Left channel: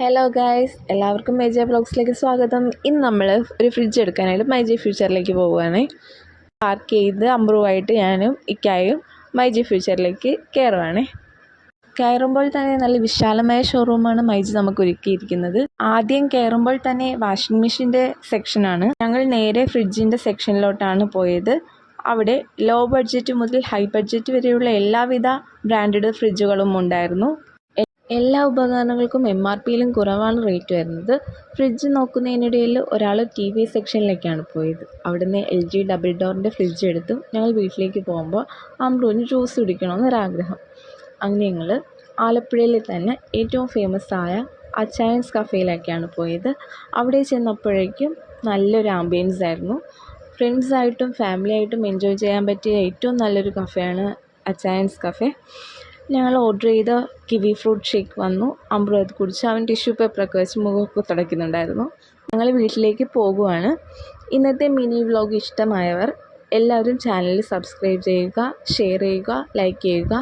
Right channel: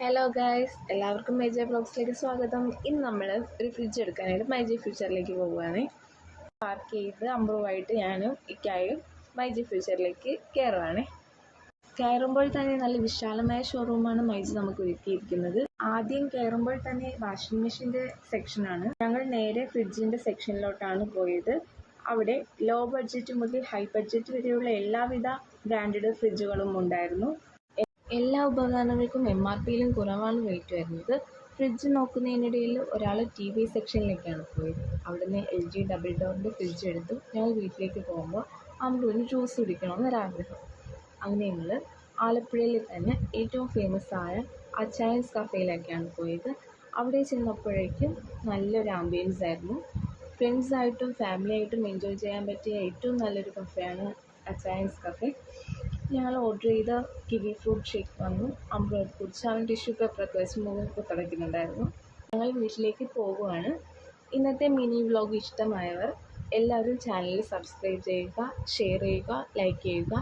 Hello guys എല്ലാവർക്കും major ബ്ലോഗ്സിലേക്ക് സ്വാഗതം. ഇന്ന് നമ്മൾ ഒരു ഫ്രിഡ്ജ് എടുക്കാനായിട്ട് മൈജി ഫ്യൂച്ചറിലേക്ക് പോവുകയാണ്. പാർക്ക് ചെയ്ത് അമ്പ്രുവായിട്ട് ഞാനും ഇക്കായും മൈജി ഫ്യൂച്ചറിലേക്ക് കയറുവാണ് കയറുമ്പോൾ തന്നെ നല്ല വിശാലമായ ഷോറൂമാണ് മൈജി നമുക്ക് ഒരുക്കിയിരിക്കുന്നത്. ആദ്യം കയറുമ്പോൾ തന്നെ വാഷിംഗ് മെഷീന്റെ സെക്ഷനാണ് ഞങ്ങൾ നേരെ ഫ്രിഡ്ജിന്റെ സെക്ഷനിലോട്ടാണ് പോയത്. അവിടെ ലോ ബഡ്ജറ്റ് മുതൽ ഹൈ ബഡ്ജറ്റ് വരെയുള്ള എല്ലാവിധ ബ്രാൻഡഡ് ഫ്രിഡ്ജുകളും ഉണ്ടായിരുന്നു. എല്ലാ ഉപകരണങ്ങൾക്കും എം ആർ പിയിലും കുറവാണ് റേറ്റ് വരുന്നത്. ഫ്രിഡ്ജ് നോക്കുന്നതിനിടയിൽ ഒരാൾ ടി വി സെക്ഷനിലേക്കാണ് പോയത്. അവിടുന്ന് എൽ ജി ഡബിൾ ഡോറിന്റെ ഫ്രിഡ്ജ് എടുത്തു. ഞങ്ങൾ വീട്ടിലേക്ക് പോകുമ്പോൾ അമ്രുവിന് ജ്യൂസ് കുടിക്കണമെന്നൊരാഗ്രഹം. അങ്ങനെ ഞങ്ങൾ ആലപ്പുഴയിൽ തന്നെ ഏറ്റവും ഫേമസ് ആയ അച്ചായൻസ് കഫേയിലേക്കാണ് പോയത്. അവിടെ ചെന്നപ്പോഴേക്കും നല്ലൊരു ആംബിയൻസ് ആയിരുന്നു. ഫ്രണ്ട്സായിട്ടും ഫാമിലി ആയിട്ടും എൻജോയ് ചെയ്യാൻ പറ്റിയ ഏറ്റവും നല്ലൊരു കഫേയാണ് അച്ചായൻസ് കഫേ ഞങ്ങൾ ഓർഡർ ചെയ്ത കിവി ഫ്രൂട്ട് ഷേക്ക് വന്നു. അമ്പ്രത് കുടിച്ച്. അവൻ ടിഷ്യൂ പേപ്പറൊക്കെ വെച്ച് മുഖമൊക്കെ തുടയ്ക്കുന്നുണ്ടായിരുന്നു. ഞങ്ങൾ വീട്ടിലേക്ക് പോകുവാണ്. ഇന്നത്തെ മിനി വ്ലോഗ് ഇഷ്ടമായവർ എല്ലാവരും ചാനൽ സബ്സ്ക്രൈബ് ചെയ്യുക ഷെയർ ചെയ്യുക ലൈക്ക് ചെയ്യുക.